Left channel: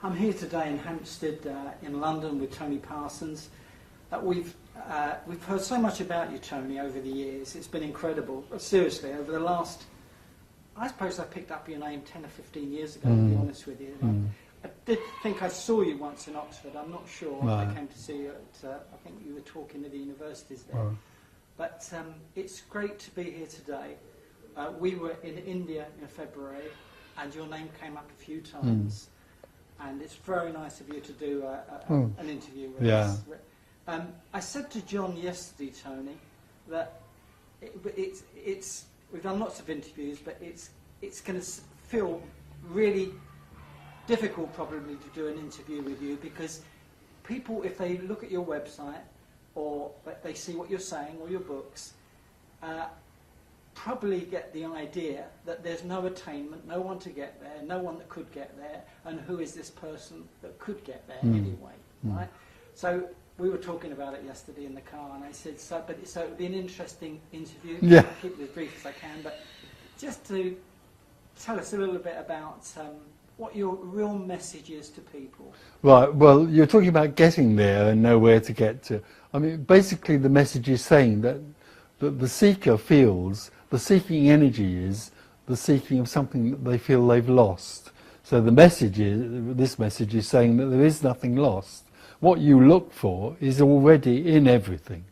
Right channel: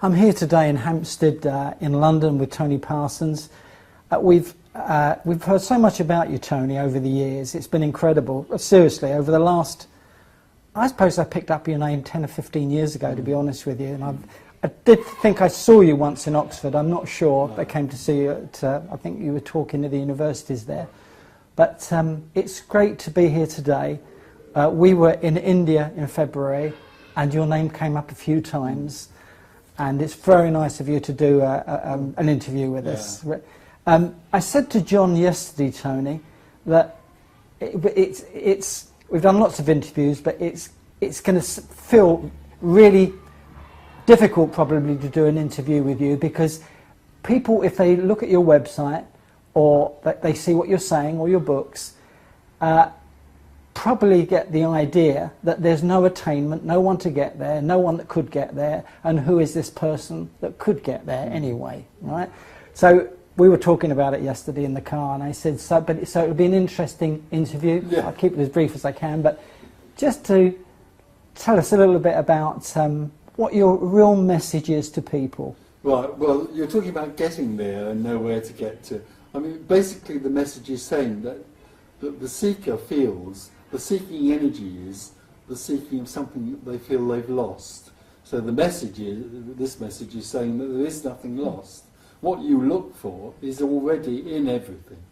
I'm here today in Hampstead in London with Tony Parsons. We've heard so much about you, Tony, over the years. It's been incredible. Seriously, over the last, I suppose I picked up your name 10 or 15 years ago, to be honest with you. And I did think I saw you once in Oxford. I'm not sure. Right. I came to see you at, I think you were talking to the universities there. Right. But it's great to be here today. We were in India in February, and your name came up a few times. And it's very nice of you to do an interview with us. I said to John yesterday, Tony, that we've done lots of interviews, but it's going to feel really difficult probably to do an interview with you, because people, if they look at your website or they see what you're saying or your books, probably get the idea that there's no attainment, no one to get there, no one that could get there, and who is this person that could get there anyway, right? So we were talking about it yesterday in the car, and I said, so it would be an interesting interview. Yeah. I'll keep it as brief as I can, but just to tell us a little bit about what your real message is to people. Right, well, you're talking about getting there and know where to get to. I mean, basically the message is saying that the seeker feels, the seeking energy is the seeking of something that they feel they've lost. So the message is, this message is saying that there is nothing lost. What you look for is already in everything.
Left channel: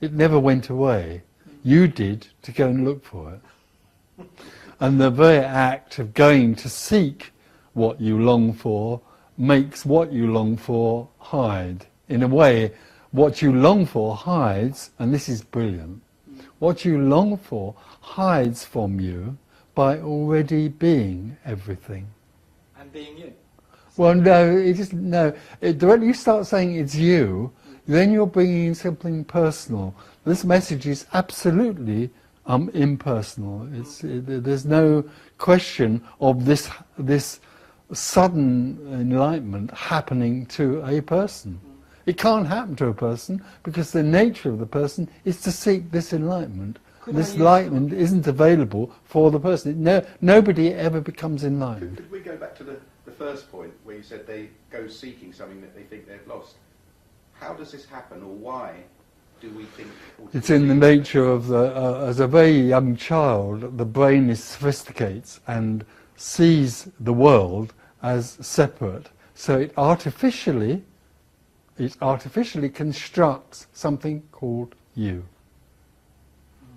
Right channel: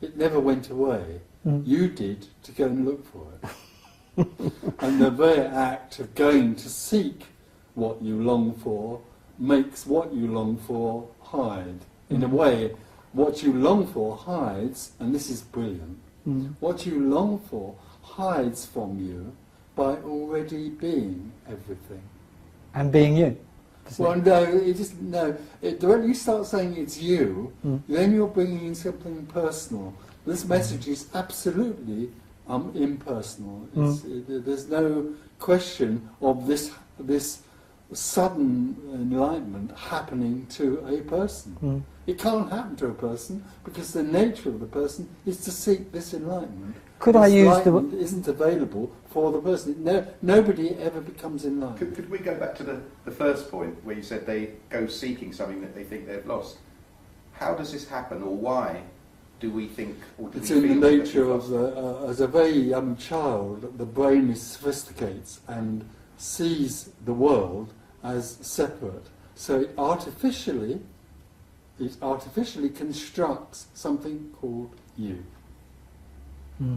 It never went away. You did to go and look for it. And the very act of going to seek what you long for makes what you long for hide. In a way, what you long for hides, and this is brilliant, what you long for hides from you by already being everything. And being you. Well, no, it isn't. No, when you start saying it's you, then you're bringing in something personal. This message is absolutely impersonal. There's no question of this sudden enlightenment happening to a person. It can't happen to a person because the nature of the person is to seek this enlightenment. Could this I use enlightenment isn't available for the person. No, nobody ever becomes enlightened. Could we go back to the first point where you said they go seeking something that they think they've lost? How does this happen, or why do we think... It's in the nature of, as a very young child, the brain sophisticates and sees the world as separate. So it artificially constructs something called you.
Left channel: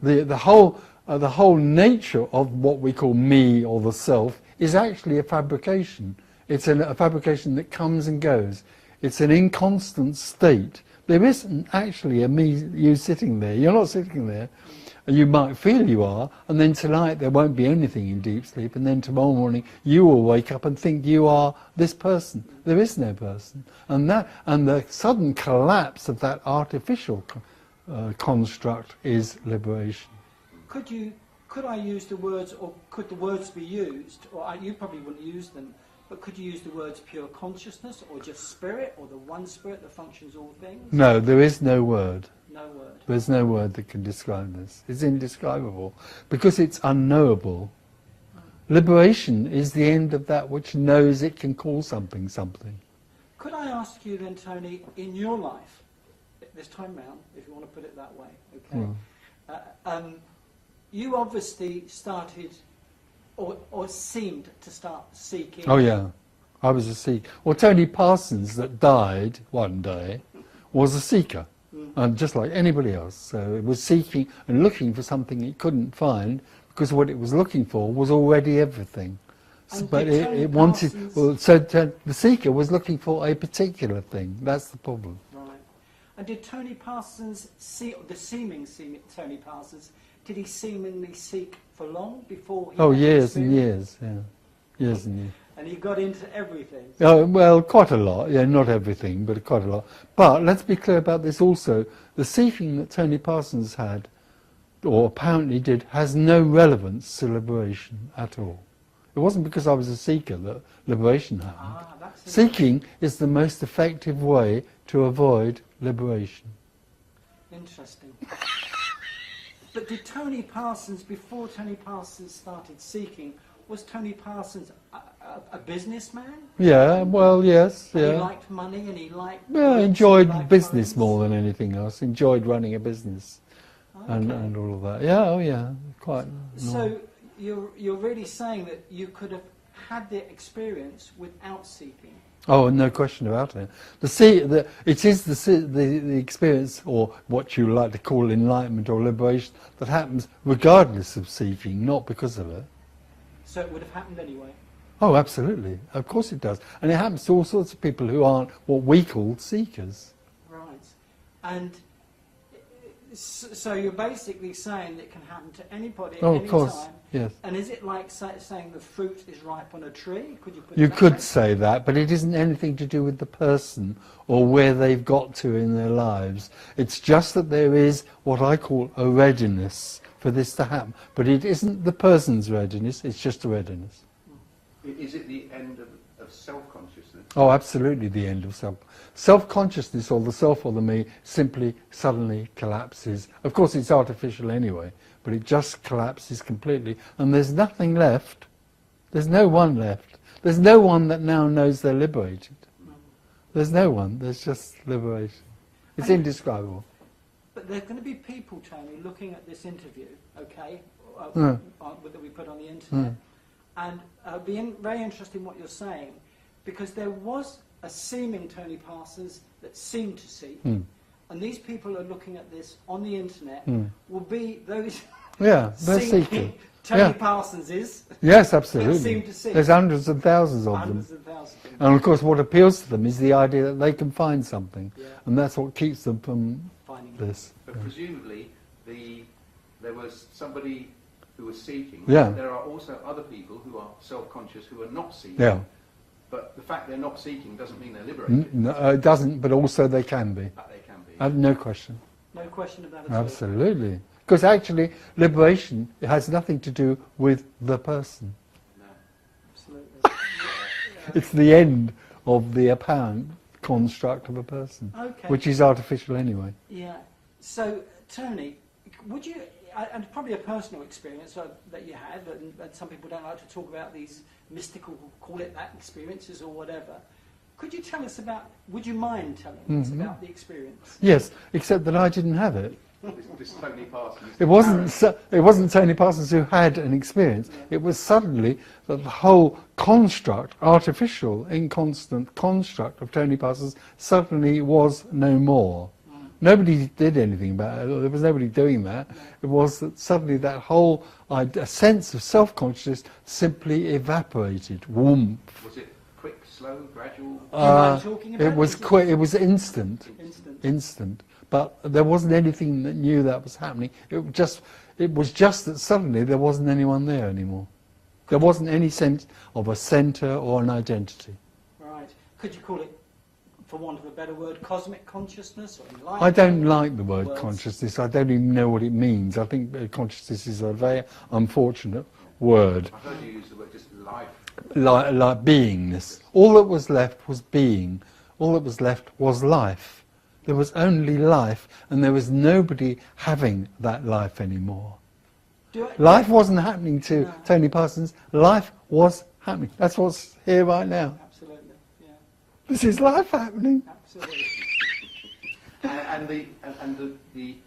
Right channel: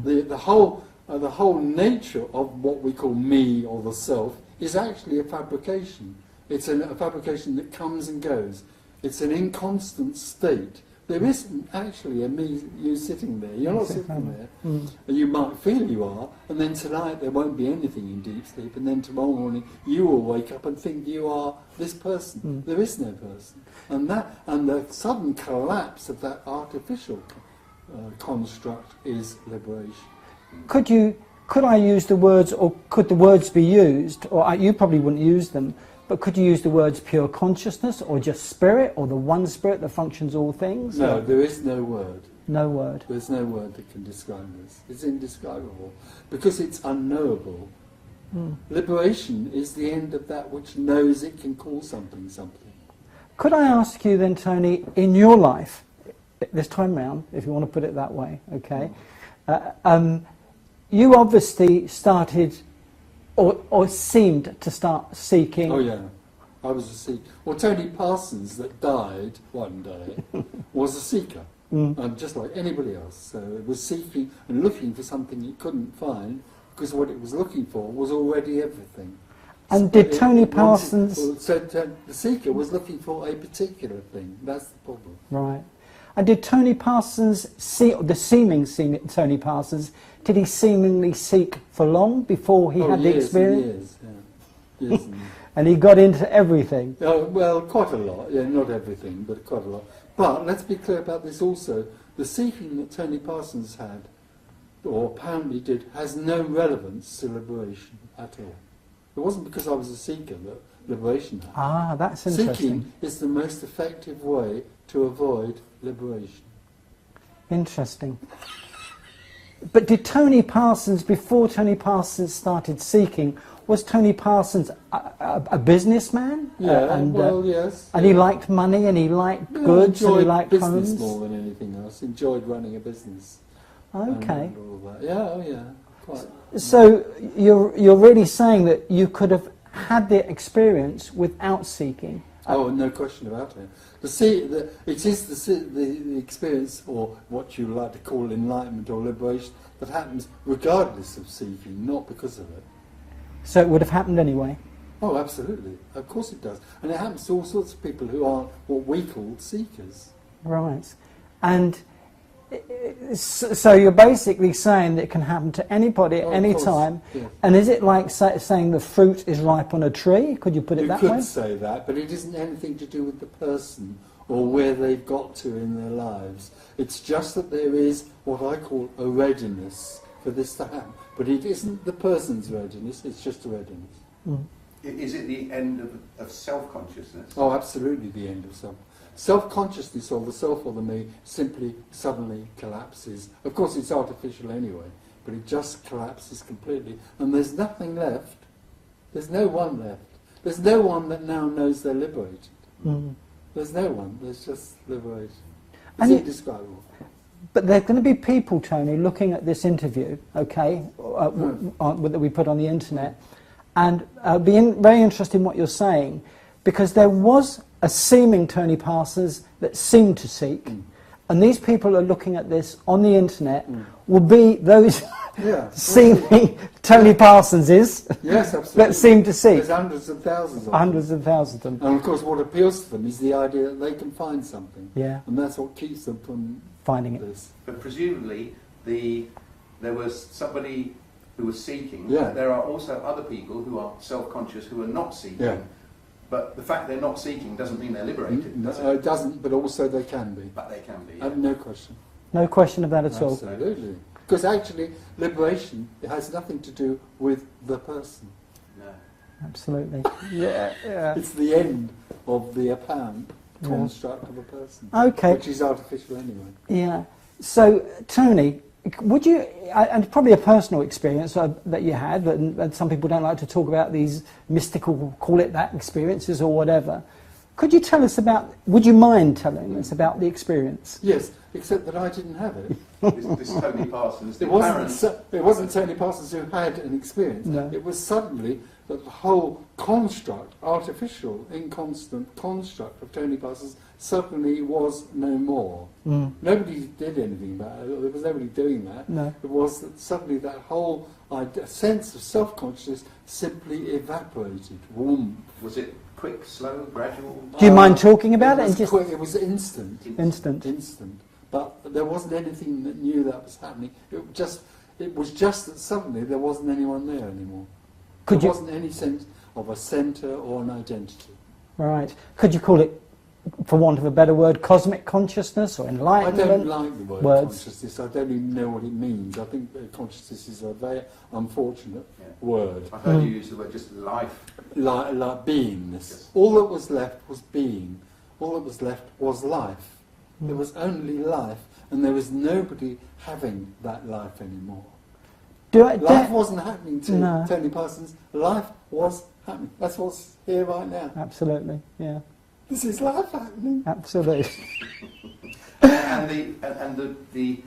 The whole nature of what we call me or the self is actually a fabrication. It's a fabrication that comes and goes. It's an inconstant state. There isn't actually a me, you sitting there. You're not sitting there. You might feel you are, and then tonight there won't be anything in deep sleep, and then tomorrow morning you will wake up and think you are this person. There is no person. And the sudden collapse of that artificial construct is liberation. Could I use the words, or could the words be used, or you probably wouldn't use them, but could you use the words pure consciousness, or just spirit, or the one spirit that functions all things? No, there is no word. No word. There's no word that can describe this. It's indescribable, because it's unknowable. Liberation is the end of that which knows it can call something something. Could I ask you then, Tony, in your life, this time round, if you want to put it that way, okay, you obviously started, or seemed to start seeking... Oh yeah, I was a seeker. Well, Tony Parsons, that died one day, was a seeker, and just like anybody else. So it was seeking and looking for something it couldn't find, because what it was looking for was already everything. And did Tony Parsons... So the seeker was looking for a particular thing. That's the problem. Right. And did Tony Parsons, the seeming Tony Parsons, did he seemingly seek for long before he had the experience? Years and years, years and years. And he got into everything? Well, quite a lot. Yeah, not everything, but quite a lot. But let's be clear about this also. The seeking that Tony Parsons had, or apparently did, has no relevance to liberation at all. It wasn't because I was a seeker that liberation happened. Ah, that's interesting. Seeking is the most effective way to avoid liberation. Interesting. But did Tony Parsons, before Tony Parsons started seeking, Was Tony Parsons a businessman? Yeah, And, well, yes. And he yeah. liked money, and he liked Yeah, goods, enjoyed and he liked business homes? more than anything else. Enjoyed running a business. Okay. And all of that. Yeah, oh yeah, quite. So you're really saying that you could have had the experience without seeking? Oh, no question about it. It is the experience, or what you like to call enlightenment or liberation, that happens regardless of seeking, not because of it. So it would have happened anyway? Oh, absolutely. Of course it does. And it happens to all sorts of people who aren't what we call seekers. Right. And so you're basically saying that it can happen to anybody at any time. Yes. And is it like saying the fruit is ripe on a tree? Could you put it that way? You could say that, but it isn't anything to do with the person or where they've got to in their lives. It's just that there is what I call a readiness for this to happen. But it isn't the person's readiness, it's just a readiness. Mm. Is it the end of self-consciousness? Oh, absolutely the end of self. Self-consciousness, or the self or the me, simply suddenly collapses. Of course it's artificial anyway, but it just collapses completely. And there's nothing left. There's no one left. There's no one that now knows they're liberated. Mm. There's no one. There's just liberation. It's And indescribable. But there are going to be people, Tony, looking at this interview, okay, that we put on the internet, and very interested in what you're saying, because there was a seeming Tony Parsons that seemed to seek, and these people are looking at this on the internet, will be those seeming Tony Parsoneses Yes, absolutely. that seem to seek. There's hundreds of thousands of them. Hundreds of thousands of them. And of course what appeals to them is the idea that they can find something. Yeah. And that's what keeps them from Finding it. this. But presumably there was somebody who was seeking. Yeah. There are also other people who are self-conscious who are not seeking. Yeah. But the fact they're not seeking doesn't mean they're liberated. No, it doesn't, but also they can be. But they can be. No question. No question of that at all. Absolutely. Because actually, liberation has nothing to do with the person. No. Absolutely. Yeah. It's the end of the apparent construct of a person, Okay. which is artificial anyway. Yeah. So, Tony, would you, and probably a personal experience that you had, and some people don't like to talk about these mystical, call it that, experiences or whatever. Could you tell us about, would you mind telling us about the experience? Yes, except that I didn't have it. This Tony Parsons. It wasn't Tony Parsons who had an experience. No. It was suddenly that the whole construct, artificial, inconstant construct of Tony Parsons suddenly was no more. Nobody did anything about it. There was nobody doing that. No. It was that suddenly that whole sense of self-consciousness simply evaporated. Warmth. Was it quick, slow, gradual? Do you mind talking about it? It was instant. Instant. But there wasn't anything that knew that was happening. It was just that suddenly there wasn't anyone there anymore. There wasn't any sense of a centre or an identity. Right. Could you call it, for want of a better word, cosmic consciousness or I enlightenment? don't like the word Words. consciousness. I don't even know what it means. I think consciousness is a very unfortunate word. I heard you use the word just life. Like beingness. All that was left was being. All that was left was life. There was only life, and there was nobody having that life anymore. Life wasn't happening to Tony Parsons. Life was happening. That's what's here right now. Absolutely, yeah. This is life happening. Absolutely. and the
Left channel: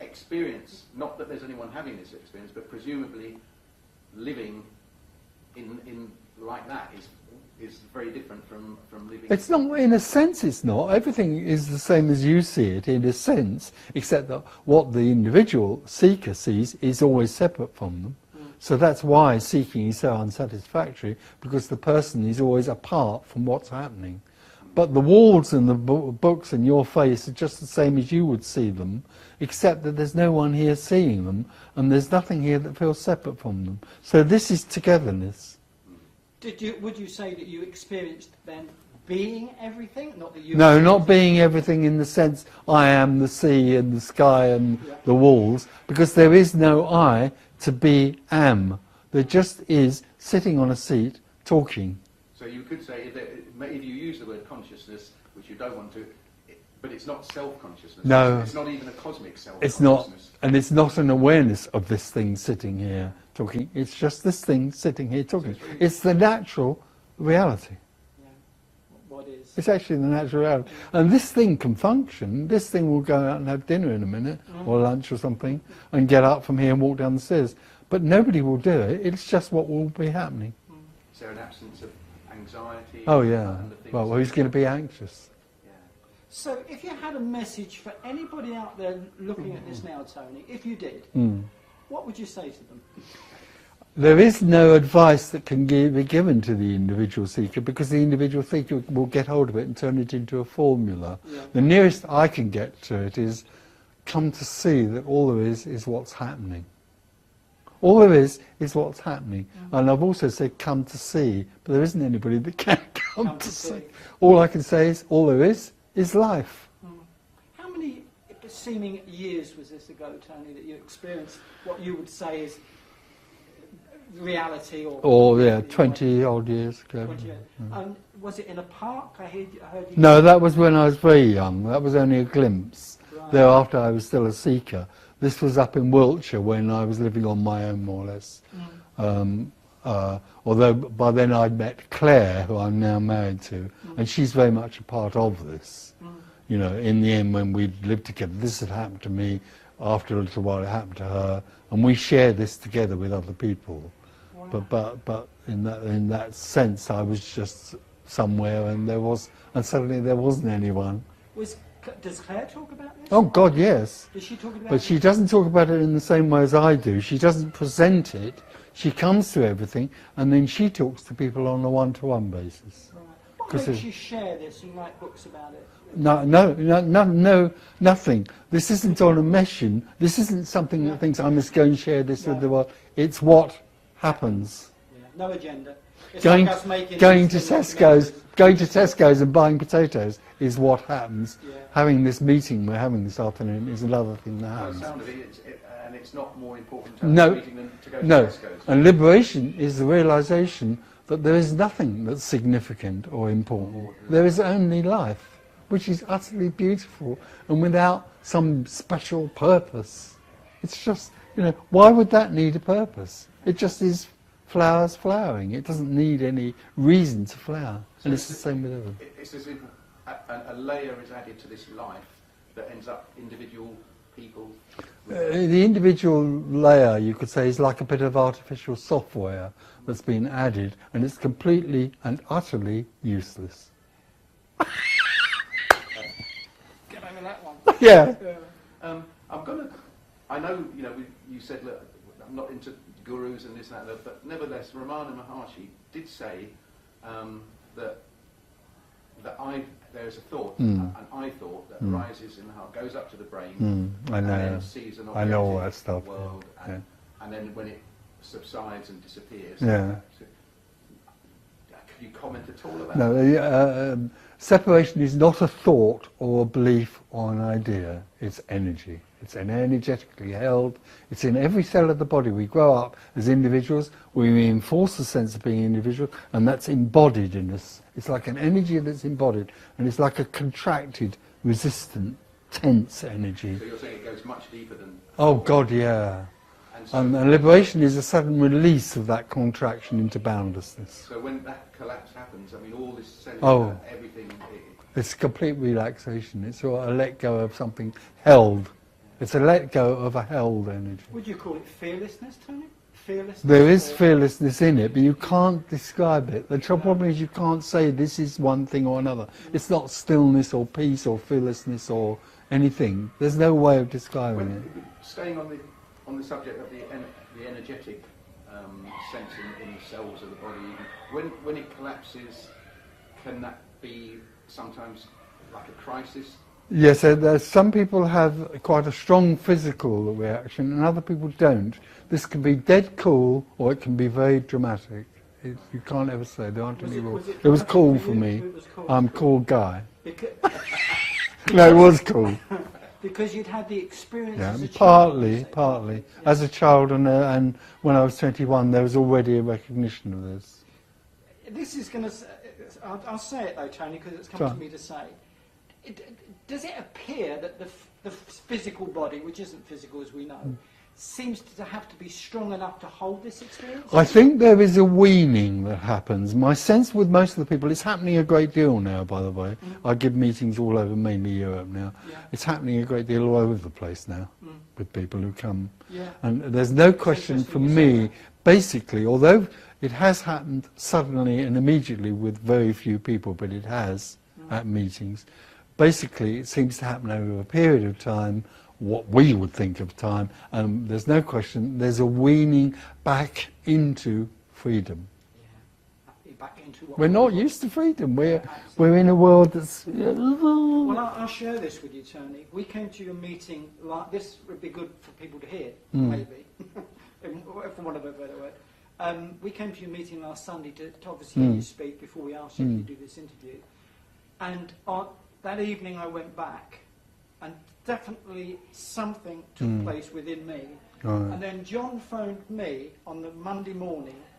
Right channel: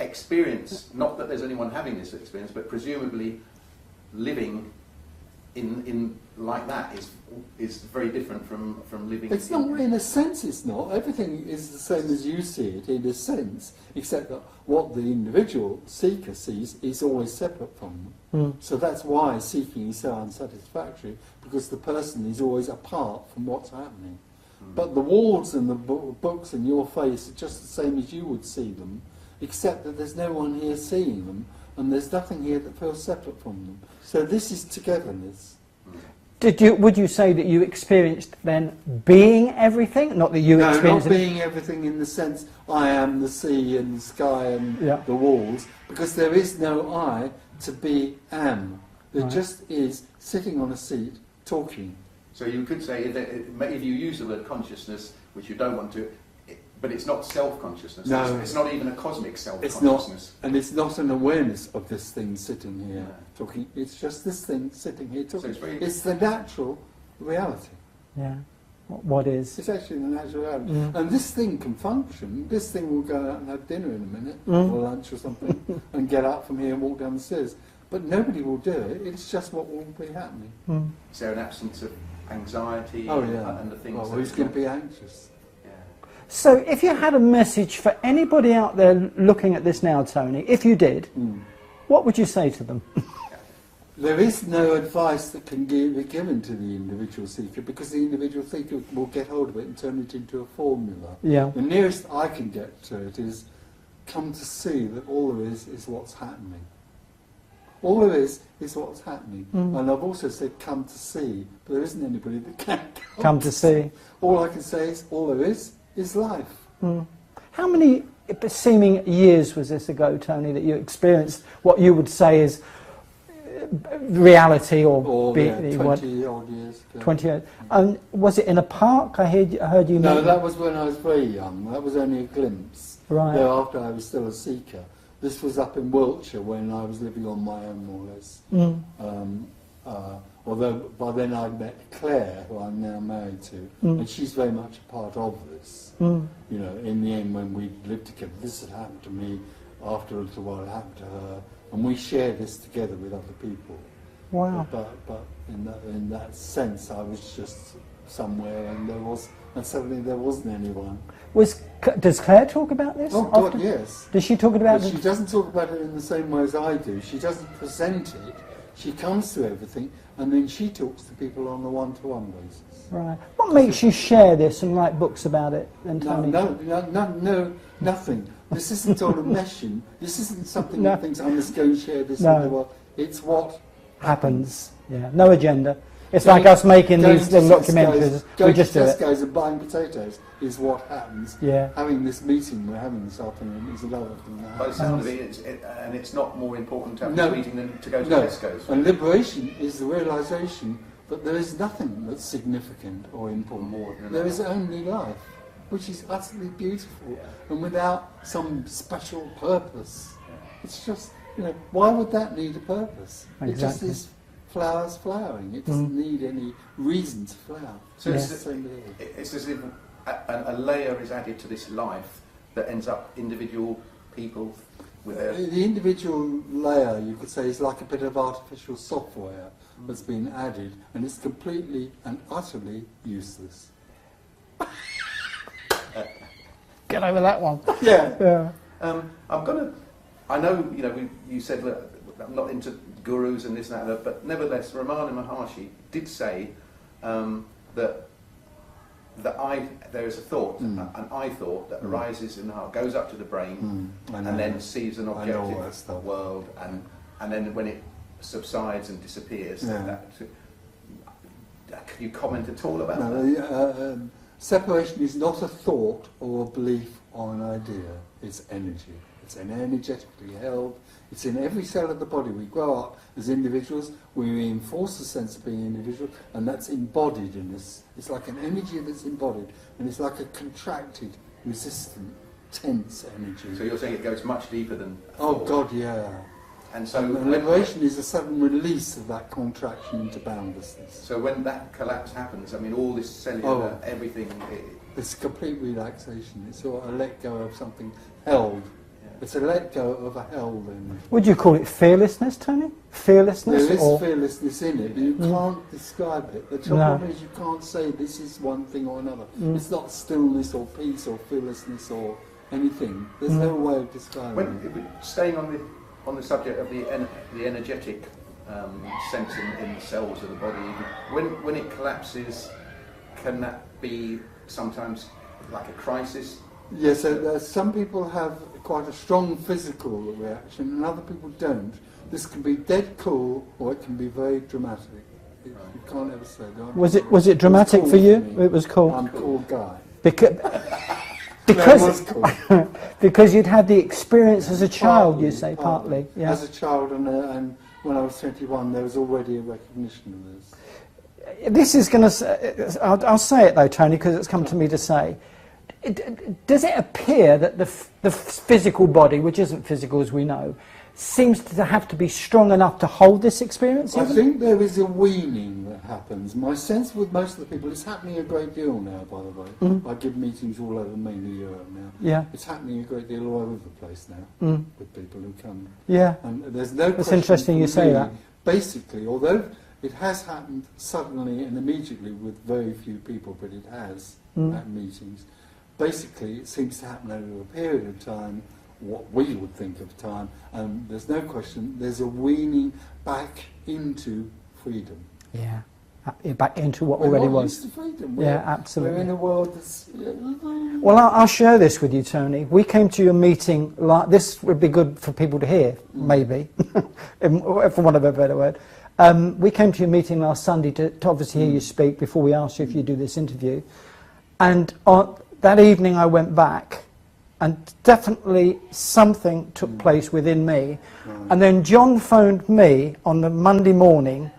experience, not that there's anyone having this experience, but presumably living in like that is very different from living. It's not, in a sense it's not. Everything is the same as you see it in a sense, except that what the individual seeker sees is always separate from them. So that's why seeking is so unsatisfactory, because the person is always apart from what's happening. But the walls and the books in your face are just the same as you would see them, except that there's no one here seeing them, and there's nothing here that feels separate from them. So this is togetherness. Would you say that you experienced then being everything? Not that you No, experienced not being everything in the sense I am the sea and the sky and the walls, because there is no I to be am. There just is sitting on a seat talking. So you could say, if you use the word consciousness, which you don't want to, But it's not self-consciousness. No. It's not even a cosmic self-consciousness. It's not, and it's not an awareness of this thing sitting here talking. It's just this thing sitting here talking. So it's the natural reality. Yeah. What is? It's actually the natural reality. Yeah. And this thing can function. This thing will go out and have dinner in a minute, or lunch or something, and get up from here and walk down the stairs. But nobody will do it. It's just what will be happening. Is there an absence of anxiety? Oh, yeah. And the things Well, who's going to be anxious? Yeah. So if you had a message for anybody out there looking at this now, Tony, if you did, what would you say to them? There is no advice that can be given to the individual seeker, because the individual seeker will get hold of it and turn it into a formula. Yeah. The nearest I can get to it is come to see that all there is what's happening. All there is what's happening. And I've also said come to see, but there isn't anybody that can come to see. All I can say is all there is life. How many seeming years was this ago, Tony, that you experienced what you would say is reality, or 20 odd years ago. 20 years. Was it in a park? I heard you. No, that was when I was very young. That was only a glimpse. Right. Thereafter, I was still a seeker. This was up in Wiltshire when I was living on my own, more or less. Although by then I'd met Claire, who I'm now married to, and she's very much a part of this. You know, in the end, when we lived together, this had happened to me. After a little while, it happened to her, and we shared this together with other people. Wow. But in that sense, I was just somewhere, and suddenly there wasn't anyone. Does Claire talk about this? Oh God, yes. Does she talk about But she doesn't talk about it in the same way as I do. She doesn't present it. She comes to everything, and then she talks to people on a one-to-one basis. Right. What makes you share this and write books about it? No, nothing. This isn't on a mission. This isn't something that thinks I must go and share this with the world. It's what happens. Yeah, no agenda. It's like us making these documentaries. Going to Tesco's and buying potatoes is what happens. Yeah. Having this meeting we're having this afternoon is another thing that happens. And it's not more important to have a meeting than to go to Tesco's. And liberation is the realisation that there is nothing that's significant or important. There is only life, which is utterly beautiful and without some special purpose. It's just, why would that need a purpose? Exactly. It just is flowers flowering. It doesn't need any reason to flower. So it's the same with everything. It's as if a layer is added to this life that ends up individual people. The individual layer, you could say, is like a bit of artificial software that's been added, and it's completely and utterly useless. Get over that one. Yeah. I know, you said that I'm not into gurus and this and that, but nevertheless, Ramana Maharshi did say that there is a thought, an I thought that arises in the heart, goes up to the brain, and then sees an objective world, and then when it subsides and disappears. Can you comment at all about that? No, separation is not a thought or a belief or an idea. It's energy. It's energetically held. It's in every cell of the body. We grow up as individuals. We reinforce the sense of being individual, and that's embodied in us. It's like an energy that's embodied, and it's like a contracted, resistant, tense energy. So you're saying it goes much deeper than... Oh, God, yeah. And liberation is a sudden release of that contraction into boundlessness. So when that collapse happens, all this cellular, everything... It's complete relaxation. It's a let go of something held. It's a let go of a held energy. Would you call it fearlessness, Tony? Fearlessness? There is fearlessness in it, but you can't describe it. The problem is you can't say this is one thing or another. It's not stillness or peace or fearlessness or anything. There's no way of describing it. Staying on the subject of the energetic sense in the cells of the body, when it collapses, can that be sometimes like a crisis? Yes, some people have quite a strong physical reaction and other people don't. This can be dead cool or it can be very dramatic. You can't ever say. Was it dramatic for you? It was cool. I'm a cool guy. Because it was cool. Because you'd had the experience as a child, you say, partly. Yeah. As a child, and when I was 21, there was already a recognition of this. This is going to... I'll say it, though, Tony, because it's come to me to say. does it appear that the physical body, which isn't physical as we know, seems to have to be strong enough to hold this experience? I think there is a weaning that happens. My sense with most of the people, it's happening a great deal now, by the way. I give meetings all over, mainly Europe now. Yeah. It's happening a great deal all over the place now with people who come. Yeah. And there's no It's question interesting for you say me, that. basically, although it has happened suddenly and immediately with very few people, but it has at meetings, basically it seems to happen over a period of time, what we would think of time, and there's no question, there's a weaning back into freedom. Yeah, back into what We're already not was. used to freedom. Yeah, absolutely. We're in a world that's... Well, I'll share this with you, Tony. We came to your meeting, this would be good for people to hear, maybe, for want of a better word. We came to your meeting last Sunday to obviously hear you speak before we asked you if you do this interview. And on that evening I went back, and definitely something took place within me. Right. And then John phoned me on the Monday morning,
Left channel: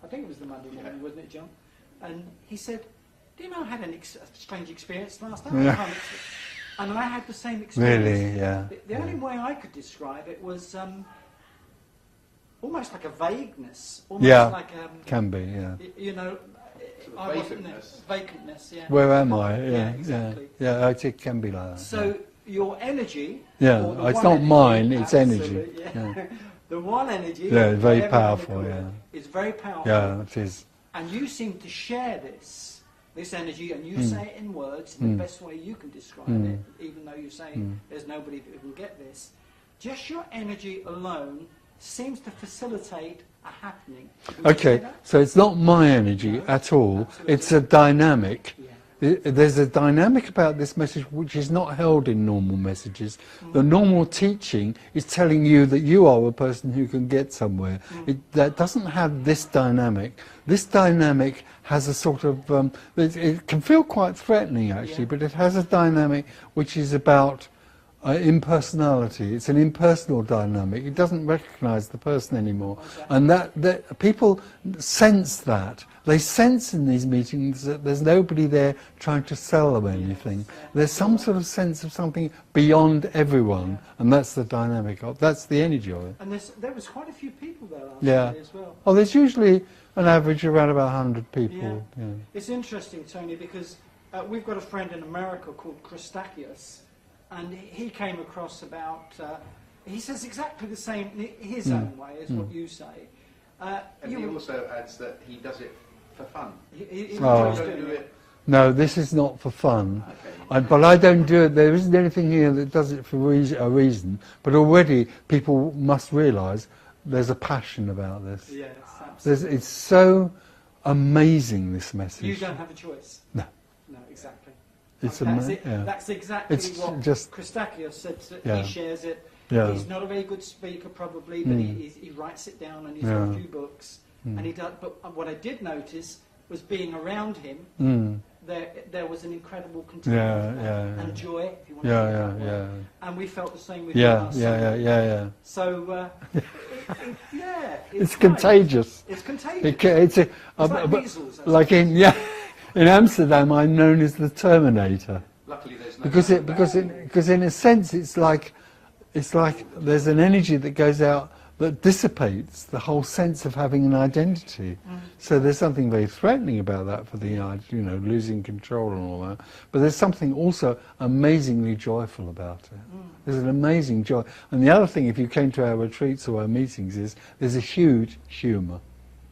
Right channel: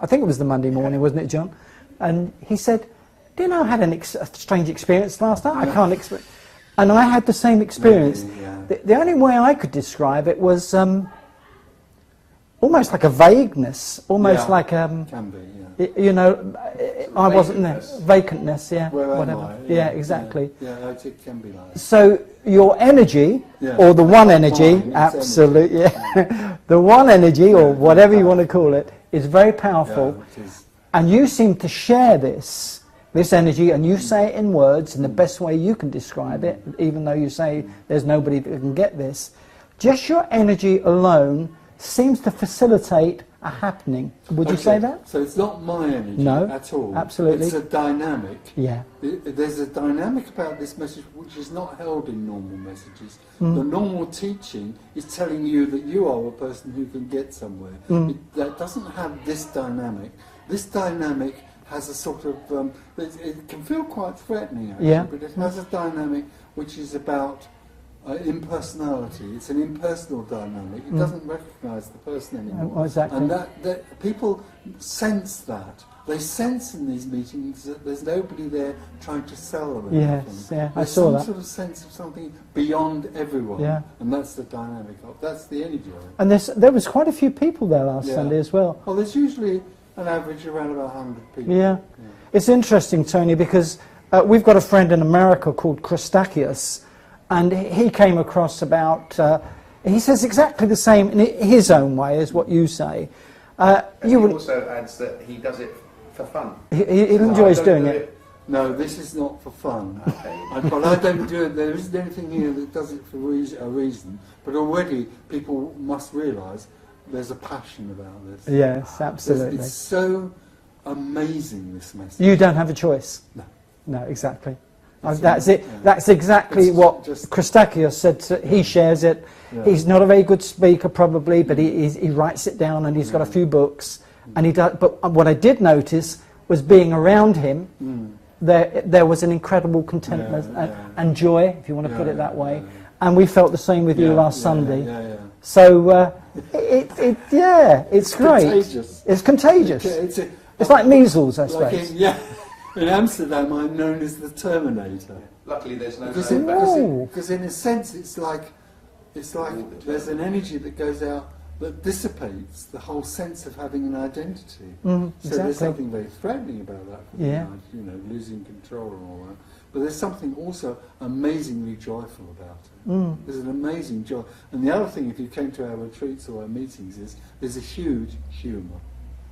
I think it was the Monday morning, wasn't it, John? And he said, do you know I had a strange experience last night? I can't explain. And I had the same experience. Really, yeah. The only way I could describe it was almost like a vagueness, almost like can be, yeah. you know, I wasn't there. Vacantness, yeah. Where am whatever. I? Yeah, exactly. Yeah, it can be like that. So your energy, Yeah, or the it's one not energy, mine, it's absolutely, energy. yeah. The one energy, Yeah, or very whatever you want to powerful, call it, is very powerful. Yeah, it is. And you seem to share this energy, and you say it in words in the best way you can describe it, even though you say there's nobody that can get this. Just your energy alone seems to facilitate a happening. Would you say that? So it's not my energy No, at all. absolutely. It's a dynamic. Yeah. There's a dynamic about this message which is not held in normal messages. The normal teaching is telling you that you are a person who can get somewhere. That doesn't have this dynamic. This dynamic has a sort of, it can feel quite threatening actually, but it has a dynamic which is about impersonality. It's an impersonal dynamic. It doesn't recognise the person anymore. Exactly. And that people sense that. They sense in these meetings that there's nobody there trying to sell them anything. Yes, yeah, There's some sort of sense of something beyond everyone, and that's the dynamic of, that's the energy of it. And there was quite a few people there last Sunday as well. Oh, there's usually an average around about 100 people. Yeah. It's interesting, Tony, because we've got a friend in America called Christakis, and he came across about, he says exactly the same in his own way as what you say. He also adds that he does it for fun. He enjoys doing it. No, this is not for fun. But I don't do it. There isn't anything here that does it for a reason. But already people must realise there's a passion about this. Yes, absolutely. It's so amazing, this message. You don't have a choice. No. No, exactly. It's That's it. yeah. That's exactly It's what just- Christakis said. He shares it. Yeah. He's not a very good speaker, probably, but he writes it down, and he's got a few books. And he does. But what I did notice was being around him. There was an incredible contentment and joy, if you want to put it that way. Yeah. And we felt the same with you last Sunday. Yeah. So it's great. Contagious. It's contagious. It's like measles, I like suppose. in Amsterdam, I'm known as the Terminator. Luckily, there's no. Because in a sense, it's like there's an energy that goes out that dissipates the whole sense of having an identity. So there's something very threatening about that for the losing control and all that. But there's something also amazingly joyful about it. There's an amazing joy. And the other thing, if you came to our retreats or our meetings, is there's a huge humour.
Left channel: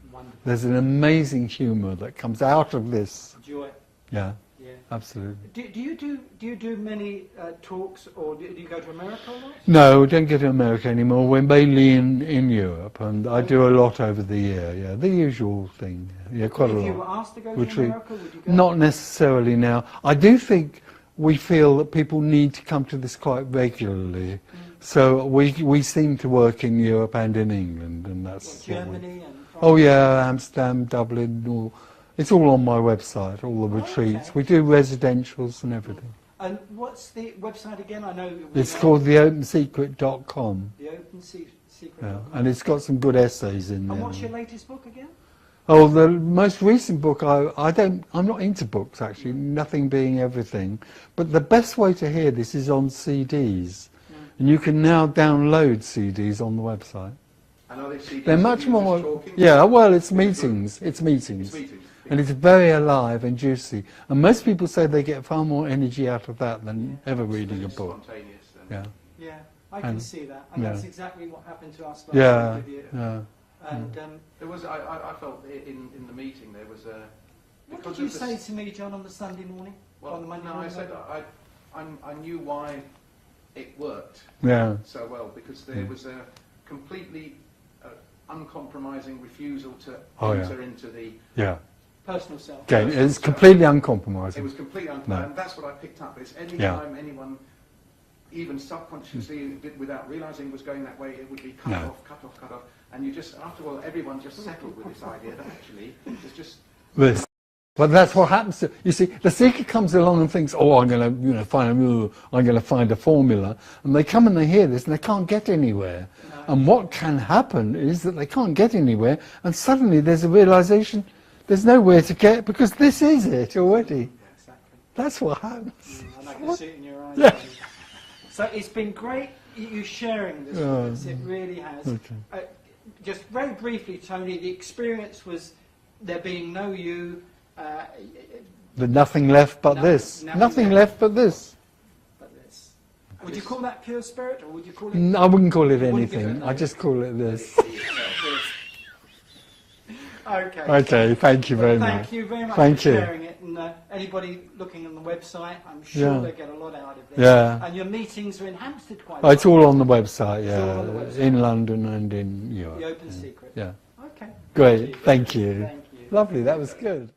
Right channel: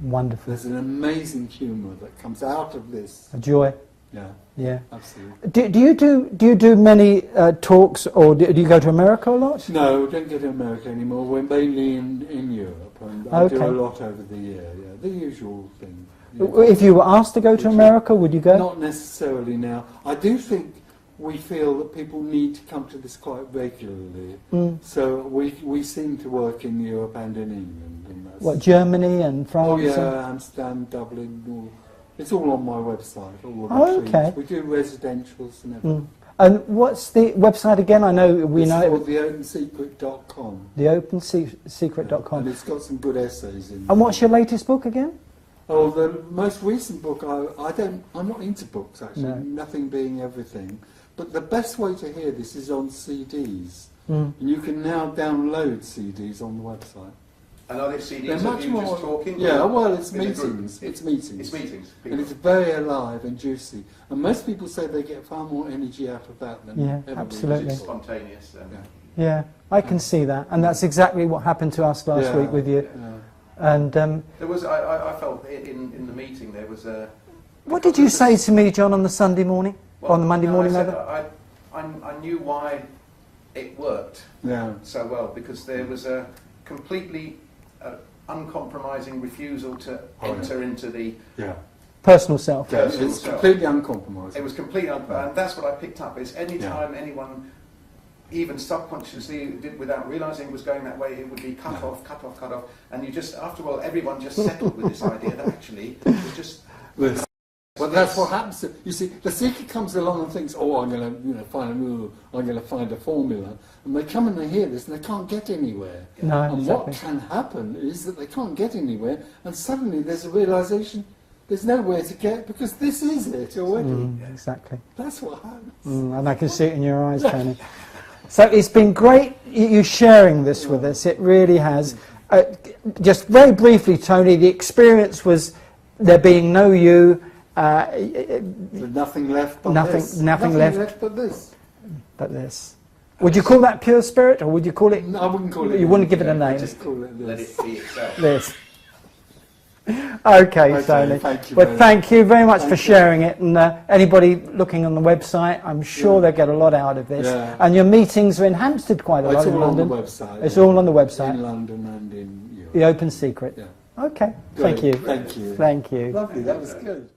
Wonderful. There's an amazing humour that comes out of this. Joy. Yeah, absolutely. Do you do many talks, or do you go to America a lot? No, we don't go to America anymore. We're mainly in Europe, and I do a lot over the year. Yeah, the usual thing. If you were asked to go to America, would you go? Not necessarily now. I do think we feel that people need to come to this quite regularly. So we seem to work in Europe and in England, and that's what, Germany and France? Oh yeah, Amsterdam, Dublin. It's all on my website. All the retreats. Okay. We do residentials and everything. And what's the website again? I know it's called theopensecret.com. Theopensecret.com. And it's got some good essays in there. And what's your latest book again? Oh, the most recent book, I'm not into books actually, No. nothing being everything. But the best way to hear this is on CDs. Mm. And you can now download CDs on the website. And are they CDs They're of much you more, just talking? yeah, well, it's Is it meetings. It's meetings. It's meetings. And it's very alive and juicy. And most people say they get far more energy out of that than Yeah, ever reading a absolutely. book. Spontaneous. Yeah. Yeah, I can And- see that, and yeah. that's exactly what happened to us last Yeah, week with you. yeah. And There was, I felt in the meeting there was a... what did you say to me, John, on the Sunday morning? Well, on the Monday no, morning, I said rather? I knew why it worked Yeah. so well, because there was a completely uncompromising refusal to Oh, yeah. enter into the... Yeah. Personal self. Okay. It's completely uncompromising. It was completely uncompromising, and that's what I picked up, is any Yeah. time anyone, even subconsciously, without realising was going that way, it would be cut Yeah. off, cut off, cut off, and you just, after a while, everyone just settled with this idea that actually it was just... This. But that's what happens to, you see, the seeker comes along and thinks, oh, I'm going to find a formula, and they come and they hear this and they can't get anywhere. No, And exactly. what can happen is that they can't get anywhere, and suddenly there's a realization there's nowhere to get because this is it already. Exactly. That's what happens. And I can see it in your eyes, Tony. So it's been great you sharing this with us. It really has. Just very briefly, Tony, the experience was there being no you. There's nothing left but this. Nothing left but this. But this. Would you call that pure spirit, or would you call it? I wouldn't call it. You wouldn't give it a anything. name. I just call it Let this. it be itself. This. Okay, Okay, Tony. thank you Well, very thank you very much Thank for you. sharing it. And anybody looking on the website, I'm sure Yeah. they'll get a lot out of this. Yeah. And your meetings are in Hampstead quite a lot. It's in all on the London. website. It's yeah. all on the website. In London and in Europe. The Open Secret. Yeah. Okay. Great. Thank you. Thank you. Thank you. Lovely. That was good.